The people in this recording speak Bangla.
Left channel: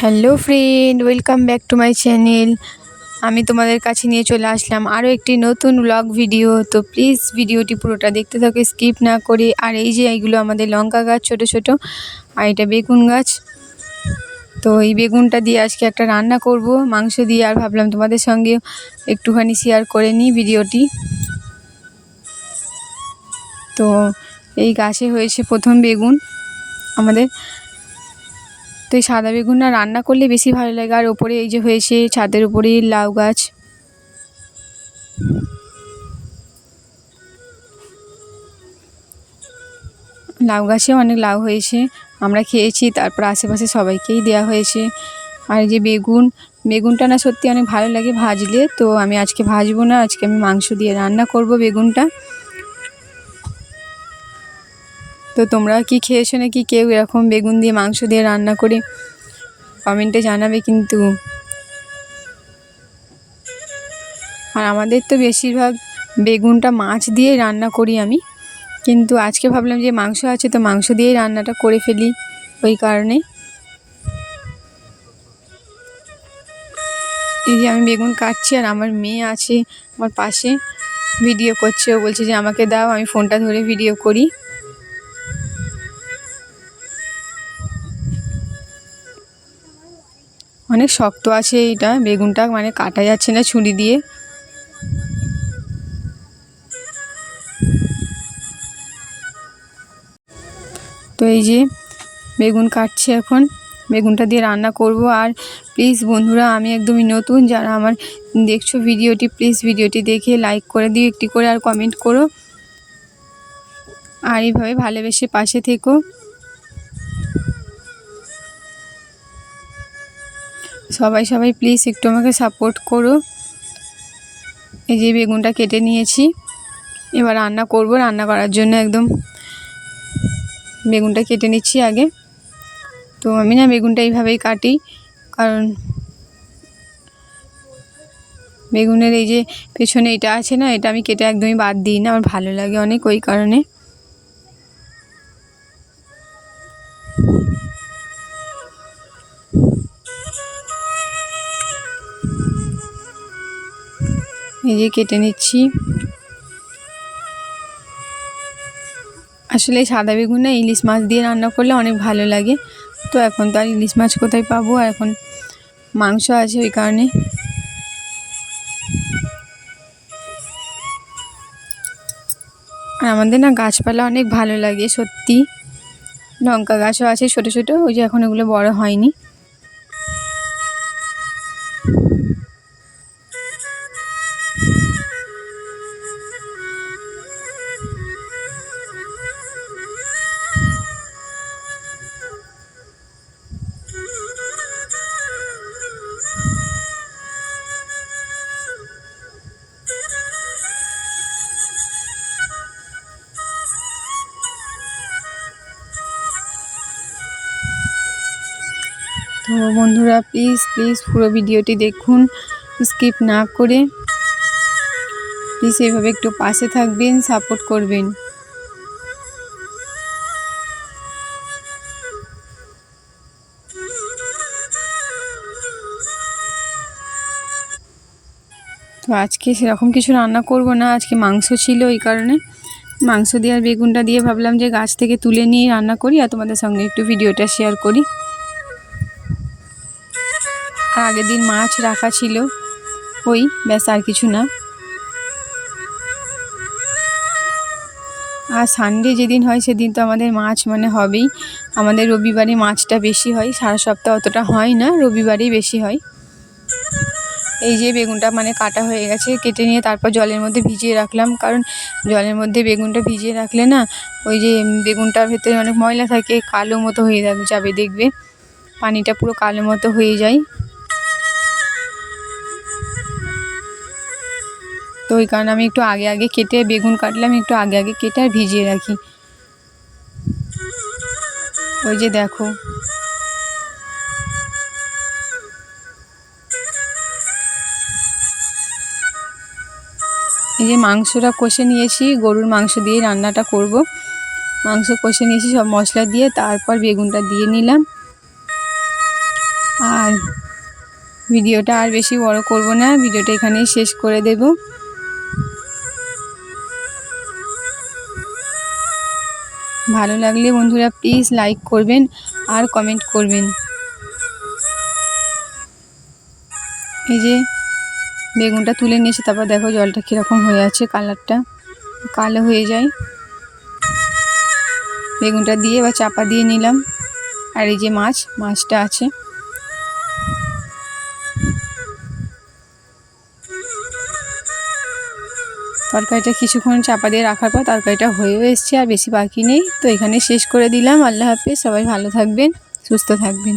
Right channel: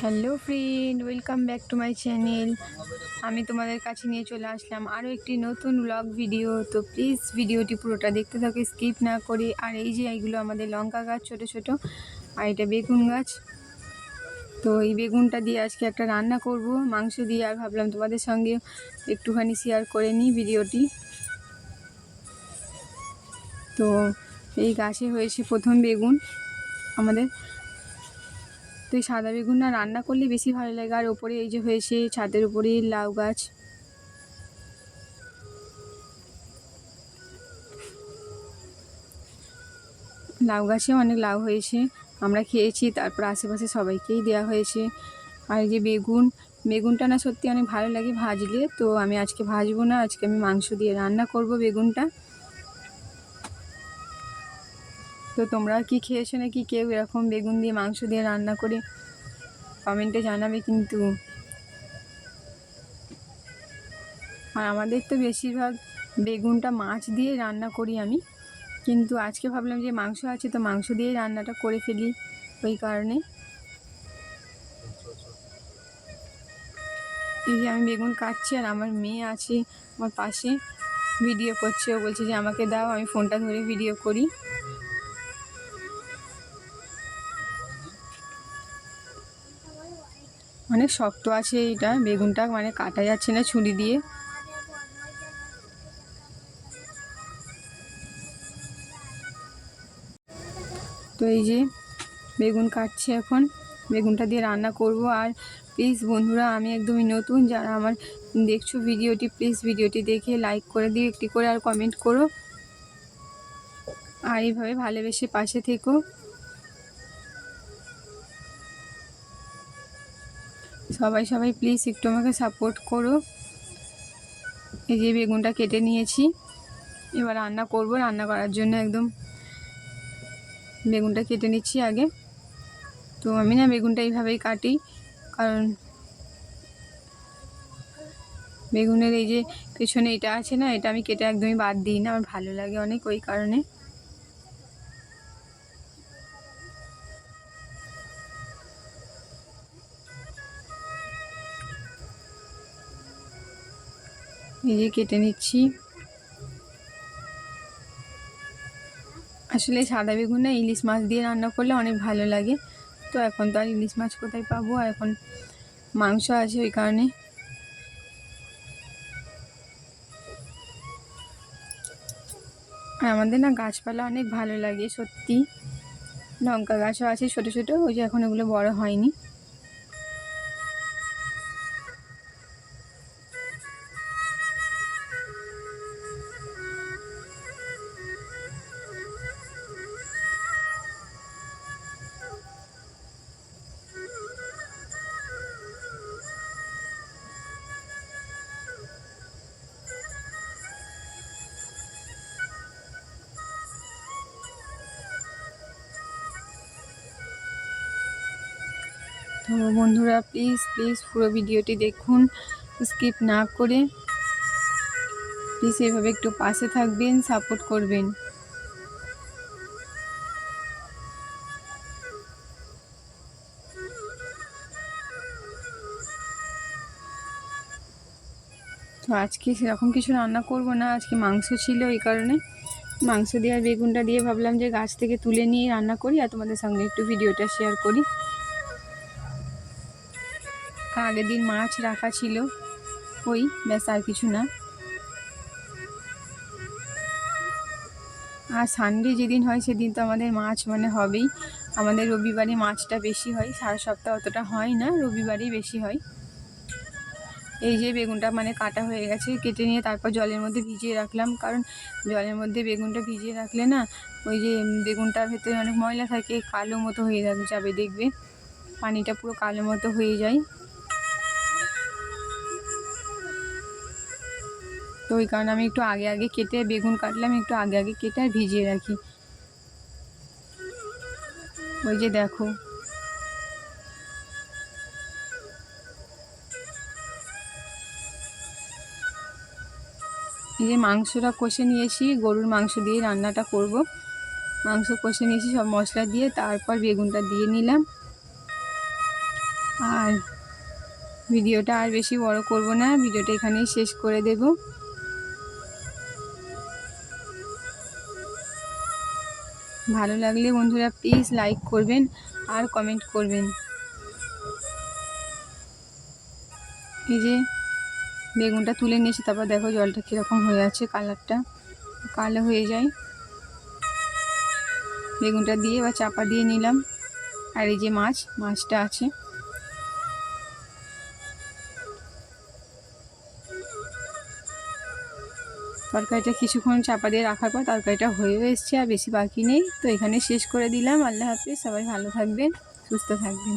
Hello friend, welcome back to my channel. আমি তোমাদের কাছে নিয়ে চলে আসলাম আরও একটি নতুন ব্লগ ভিডিও তো প্লিজ ভিডিওটি পুরোটা দেখতে থাকো স্কিপ না করে। আর এই যে এইগুলো আমাদের লঙ্কা গাছ, ছোট ছোট। আর এটা বেগুন গাছ। তো এই বেগুনটা দিয়ে আজকে একটা রান্না করব, মাংস দিয়ে। আর ভাবলাম তোমাদের সঙ্গে একটুখানি শেয়ার করে নিই ভিডিওটি তো এই গাছে হয়েছে প্রথম বেগুন আমাদের। তো এই সাদা বেগুনটা রান্না করলে বেশি ভালো লাগে। আর ওপরে এই যে হয়েছে ছাদের উপরে লাউ গাছ। লাউ গাছে অনেক লাউ হয়েছে, আমরা খেয়েছি, তারপর আশেপাশে সবাইকেই দেওয়া হয়েছে। আর যে বেগুন, বেগুনটা না সত্যি অনেক ভালো লাগে ভাজলে, তো আমি আজকে ভাজবো না, আজকে আমি মাংস দিয়ে রান্না করব বেগুনটা। তো তোমরা কি খেয়েছো নাকি কেউ এরকম বেগুন দিয়ে মাংস দিয়ে রান্না করে কমেন্টে জানাবে কিন্তু। আর আমাদের তো বেশিরভাগ বেগুনটা মাছ দিয়ে রান্না করি আমি। কিন্তু আজকে ভাবলাম যে মাংস আছে তো মাংস দিয়েই রান্নাটা করে ফেলি ওই কারণে। এই যে আমি বেগুন কাটছি আর আমার মেয়ে আছে আমার পাশে। ভিডিও করছে, ও বলছে যে আমাকে দাও, আমি ফোনটা ধরে ভিডিও করি। অনেক শক্ত আছে এইটা, বেগুনটা মানে কাটা যাচ্ছে না ছুরি দিয়ে। তো এই যে বেগুন কাটছি এখন, বেগুনটা দিয়ে রান্না করব। আর প্লিজ বন্ধুরা, আমি একদমই নতুন, যারা আমার দেখছ ভিডিওটি প্লিজ ভিডিওটি দেখে লাইক করে দিও, একটি করে আর কমেন্ট করো। আর এইভাবে ভালোবেসে পাশে থেকো। সবাই সবাই প্লিজ একটু আমাকে সাপোর্ট করো। এই যে বেগুনটা কেটে নিয়েছি। এবার রান্না করব, রান্না করার জন্য একদম বেগুনটা কেটে নিচ্ছি আগে। তো আমি না বেগুনটা এইভাবেই কাটি, কারণ বেগুনের এই যে পেছনে এটা আছে না, এটা আমি কেটে একদমই বাদ দিই না, আমার ভালো লাগে অনেক ওই কারণে। যে কেটে নিচ্ছি। আসলে সাদা বেগুন না ইলিশ মাছ দিয়ে রান্না করলে অনেক ভালো লাগে। তো এখন তো আর ইলিশ মাছ কোথায় পাবো? এখন মাংস আছে ওই কারণে। আর আমাদের না গাছপালা অনেক ভালো লাগে, সত্যি। লঙ্কা গাছও আছে ছোটো ছোটো, ওই যে এখন ওগুলো বড় হয়নি। তো বন্ধুরা প্লিজ প্লিজ পুরো ভিডিওটি দেখুন। স্কিপ না করে প্লিজ এইভাবে একটু পাশে থাকবেন সাপোর্ট করবেন। তো আজকে সেরকম কিছু রান্না করব না, আজকে মাংস ছিল এই কারণে। মাংস দিয়ে আর বেগুনটা দিয়ে ভাবলাম যে গাছ থেকে তুলে নিয়ে রান্না করি আর তোমাদের সঙ্গে একটু ভিডিওটা শেয়ার করি। আগের দিন মাছ রাখা ছিল। ওই, ব্যাস আর কিছু না। আর সানডে যেদিন হয়, সেদিন তো আমাদের মাছ মানে হবেই। আমাদের রবিবারে মাছটা বেশি হয়, সারা সপ্তাহ অতটা হয় না, রবিবারেই বেশি হয়। এই যে বেগুনটা মানে কাটা হয়ে গেছে, কেটে নিয়ে তারপর জলের মধ্যে ভিজিয়ে রাখলাম। কারণ জলের মধ্যে বেগুনটা ভিজিয়ে রাখলে না, ওই যে বেগুনটার ভেতরে অনেক ময়লা থাকে, কালো মতো হয়ে যাবে দেখবে। পানিটা পুরো কালো মতো হয়ে যায়। তো ওই কারণে আমি একটু আগে আগে কেটে বেগুন কাটলে আমি একটু আগে আগে কেটে আর ভিজিয়ে রাখি। ওই যে দেখো। এই যে মাংসটা কষে নিয়েছি, গরুর মাংস দিয়ে রান্নাটা করব। মাংস কষে নিয়েছি, সব মশলা দিয়ে, তারপর বেগুনটা দিয়ে নিলাম। আর ভিডিওটা আর বেশি বড় করব না, ভিডিওটা এখানেই শেষ করে দেব। ভালো লাগলে বন্ধুরা প্লিজ লাইক করবেন আর কমেন্ট করবেন। এই যে বেগুনটা তুলে নিয়েছে তারপর দেখো জলটা কীরকম হয়ে আছে কালারটা কালো হয়ে যায়। বেগুনটা দিয়ে বা চাপা দিয়ে নিলাম। আর এই যে মাছ, মাছটা আছে। তরকারিটা কিছুক্ষণ চাপা দিয়ে রাখার পর তরকারিটা হয়েও এসছে আর বেশি বাকি নেই। তো এখানে শেষ করে দিলাম। আল্লাহ হাফিজ। সবাই ভালো থাকবেন, সুস্থ থাকবেন।